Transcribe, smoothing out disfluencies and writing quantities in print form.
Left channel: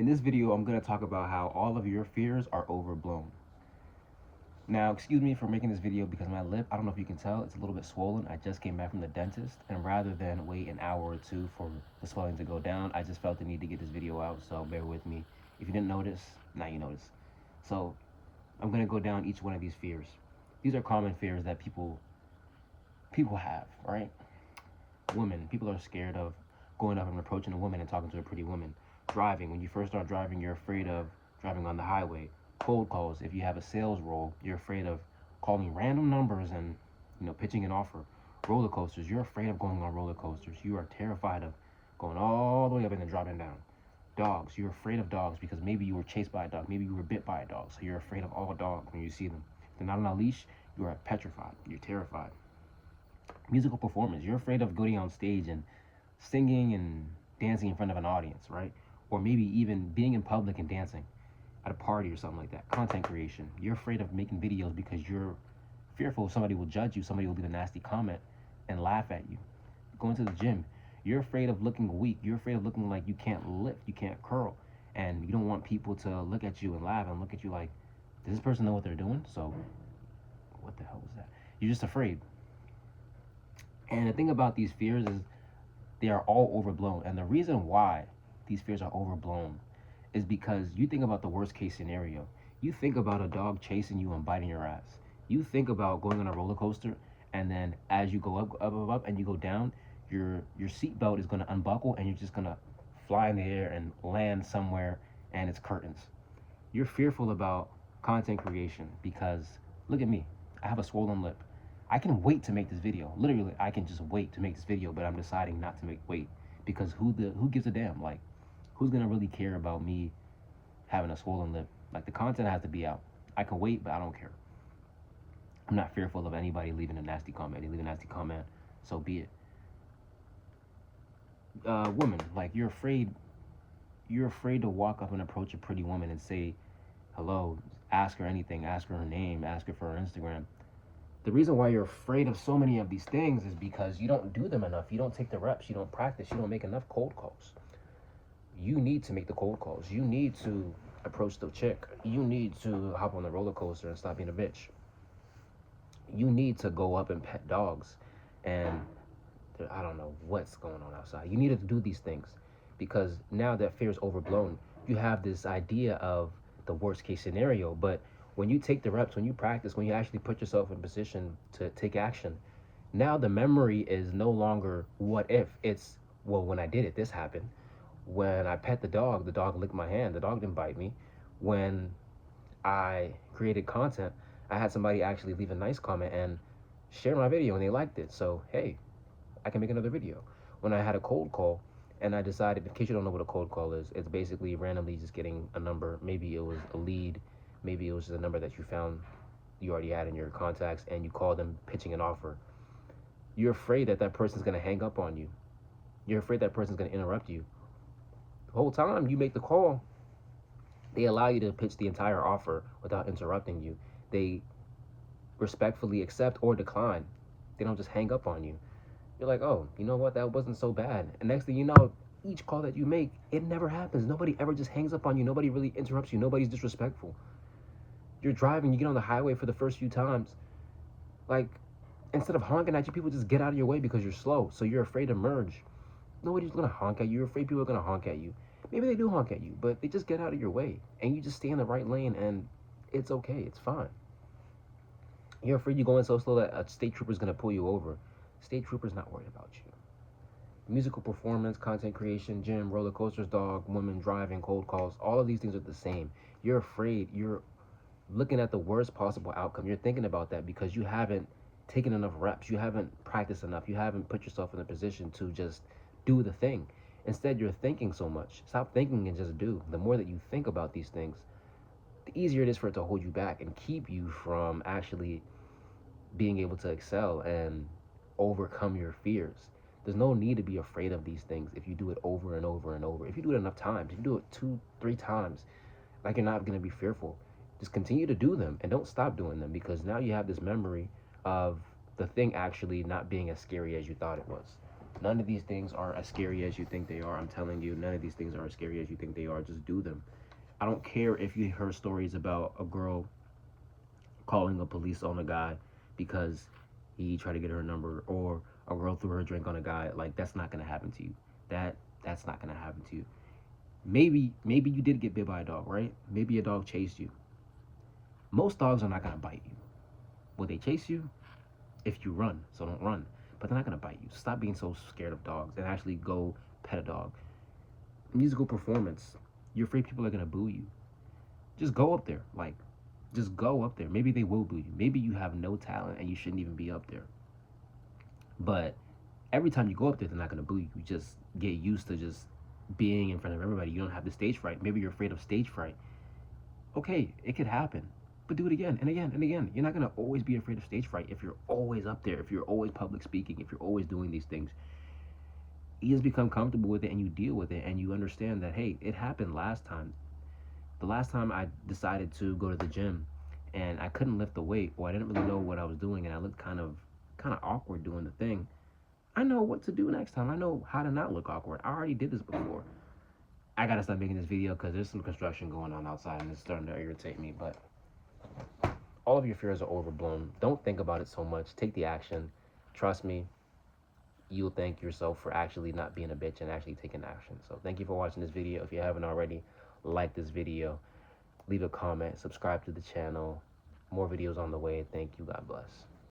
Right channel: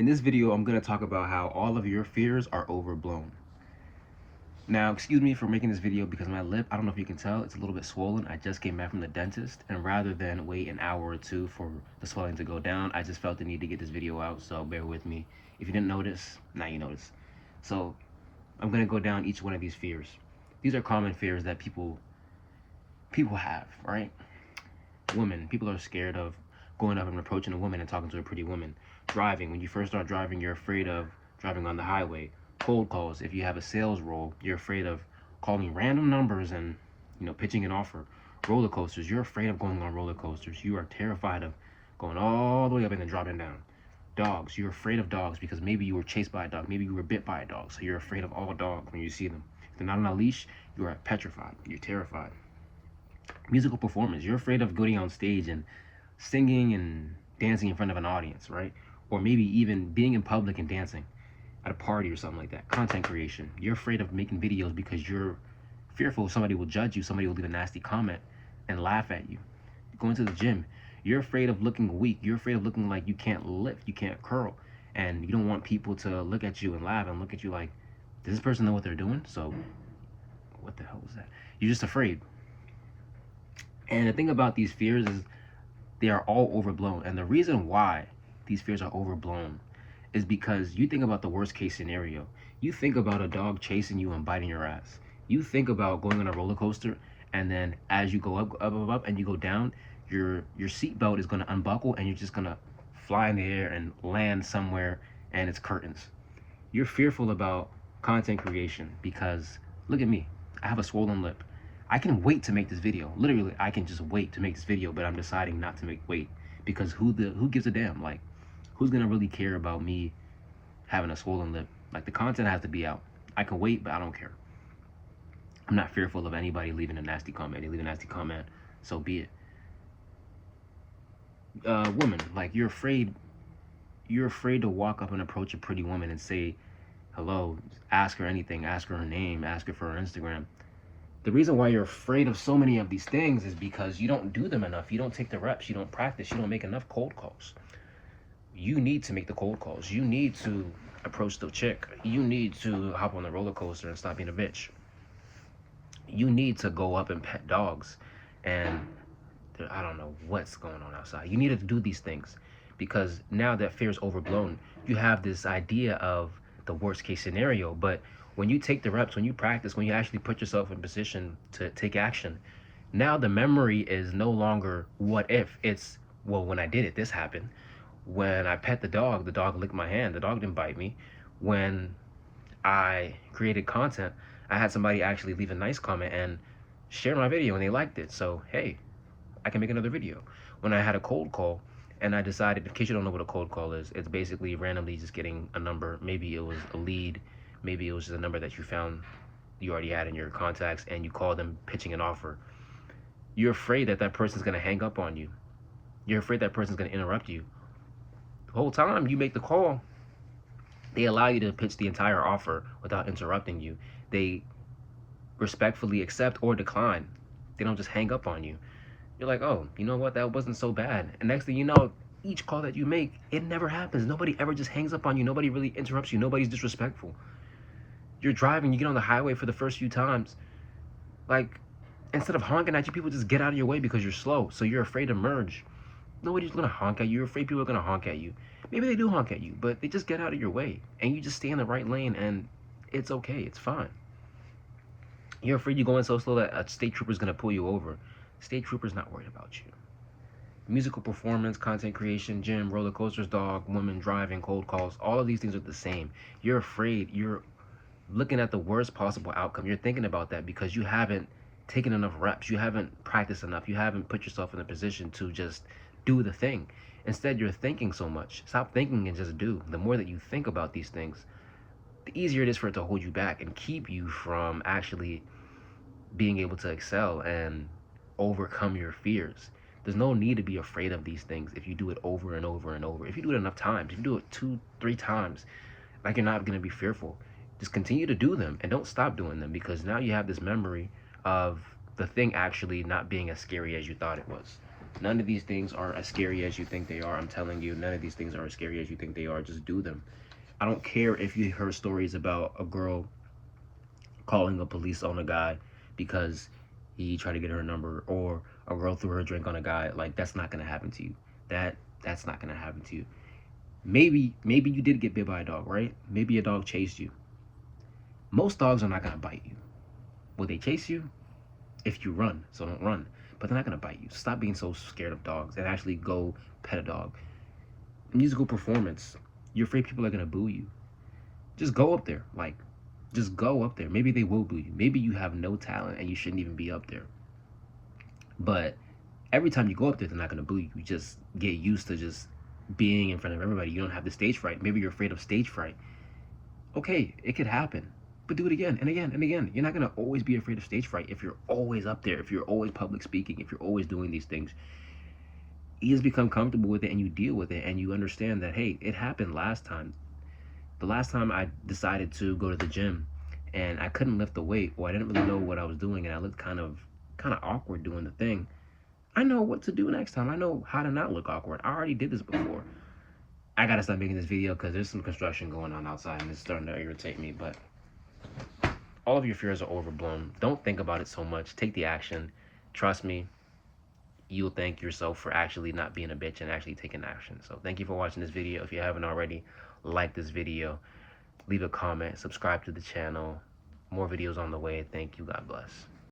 In this video, I'm going to talk about how all of your fears are overblown. Now, excuse me for making this video because my lip, I don't know if you can tell, it's a little bit swollen. I just came back from the dentist, and rather than wait an hour or two for the swelling to go down, I just felt the need to get this video out, so bear with me. If you didn't notice, now you notice. So, I'm going to go down each one of these fears. These are common fears that people have, right? Women, people are scared of going up and approaching a woman and talking to a pretty woman. Driving, when you first start driving, you're afraid of driving on the highway. Cold calls, if you have a sales role, you're afraid of calling random numbers and pitching an offer. Roller coasters, you're afraid of going on roller coasters. You are terrified of going all the way up and then dropping down. Dogs, you're afraid of dogs because maybe you were chased by a dog, maybe you were bit by a dog, so you're afraid of all dogs when you see them. If they're not on a leash, you are petrified, you're terrified. Musical performance, you're afraid of going on stage and singing and dancing in front of an audience, right? Or maybe even being in public and dancing at a party or something like that. Content creation, you're afraid of making videos because you're fearful somebody will judge you, somebody will leave a nasty comment and laugh at you. Going to the gym, you're afraid of looking weak, you're afraid of looking like you can't lift, you can't curl, and you don't want people to look at you and laugh and look at you like, does this person know what they're doing? So what the hell was that? You're just afraid. And the thing about these fears is they are all overblown. And the reason why these fears are overblown is because you think about the worst case scenario. You think about a dog chasing you and biting your ass. You think about going on a roller coaster, and then as you go up, and you go down, your seatbelt is going to unbuckle and you're just going to fly in the air and land somewhere and it's curtains. You're fearful about content creation because, look at me, I have a swollen lip. I can wait to make this video. Literally, I can just wait to make this video, but I'm deciding not to wait because who gives a damn? Like, who's gonna really care about me having a swollen lip? Like, the content has to be out. I can wait, but I don't care. I'm not fearful of anybody leaving a nasty comment. They leave a nasty comment, so be it. Woman, like, you're afraid to walk up and approach a pretty woman and say hello, ask her anything, ask her name, ask her for her Instagram. The reason why you're afraid of so many of these things is because you don't do them enough. You don't take the reps. You don't practice. You don't make enough cold calls. You need to make the cold calls. You need to approach the chick. You need to hop on the roller coaster and stop being a bitch. You need to go up and pet dogs. And I don't know what's going on outside. You need to do these things because now that fear is overblown, you have this idea of the worst case scenario. But when you take the reps, when you practice, when you actually put yourself in position to take action, now the memory is no longer what if. It's, well, when I did it, this happened. When I pet the dog licked my hand. The dog didn't bite me. When I created content, I had somebody actually leave a nice comment and share my video and they liked it. So, hey, I can make another video. When I had a cold call and I decided, in case you don't know what a cold call is, it's basically randomly just getting a number. Maybe it was a lead. Maybe it was just a number that you found you already had in your contacts and you call them pitching an offer. You're afraid that that person's going to hang up on you. You're afraid that person's going to interrupt you. The whole time you make the call, they allow you to pitch the entire offer without interrupting you. They respectfully accept or decline. They don't just hang up on you. You're like, oh, you know what? That wasn't so bad. And next thing you know, each call that you make, it never happens. Nobody ever just hangs up on you. Nobody really interrupts you. Nobody's disrespectful. You're driving, you get on the highway for the first few times, like, instead of honking at you, people just get out of your way because you're slow, so you're afraid to merge. Nobody's gonna honk at you. You're afraid people are gonna honk at you. Maybe they do honk at you, but they just get out of your way, and you just stay in the right lane, and it's okay, it's fine. You're afraid you're going so slow that a state trooper's gonna pull you over. State trooper's not worried about you. Musical performance, content creation, gym, roller coasters, dog, women, driving, cold calls, all of these things are the same. You're afraid, you're looking at the worst possible outcome. You're thinking about that because you haven't taken enough reps. You haven't practiced enough. You haven't put yourself in a position to just do the thing. Instead, you're thinking so much. Stop thinking and just do. The more that you think about these things, the easier it is for it to hold you back and keep you from actually being able to excel and overcome your fears. There's no need to be afraid of these things if you do it over and over and over. If you do it enough times, if you do it 2-3 times, like, you're not going to be fearful. Just continue to do them and don't stop doing them because now you have this memory of the thing actually not being as scary as you thought it was. None of these things are as scary as you think they are. I'm telling you, none of these things are as scary as you think they are. Just do them. I don't care if you heard stories about a girl calling the police on a guy because he tried to get her number, or a girl threw her drink on a guy. Like, that's not gonna happen to you. That's not gonna happen to you. Maybe you did get bit by a dog, right? Maybe a dog chased you. Most dogs are not gonna bite you. Will they chase you? If you run, so don't run. But they're not gonna bite you. Stop being so scared of dogs and actually go pet a dog. Musical performance. You're afraid people are gonna boo you. Just go up there. Like, just go up there. Maybe they will boo you. Maybe you have no talent and you shouldn't even be up there. But every time you go up there, they're not gonna boo you. You just get used to just being in front of everybody. You don't have the stage fright. Maybe you're afraid of stage fright. Okay, it could happen. But do it again and again and again. You're not gonna always be afraid of stage fright if you're always up there, if you're always public speaking, if you're always doing these things. You just become comfortable with it and you deal with it and you understand that, hey, it happened last time. The last time I decided to go to the gym and I couldn't lift the weight, or I didn't really know what I was doing and I looked kind of awkward doing the thing. I know what to do next time. I know how to not look awkward. I already did this before. I gotta stop making this video because there's some construction going on outside and it's starting to irritate me. But all of your fears are overblown. Don't think about it so much. Take the action. Trust me, you'll thank yourself for actually not being a bitch and actually taking action. So thank you for watching this video. If you haven't already, like this video, leave a comment, subscribe to the channel. More videos on the way. Thank you. God bless.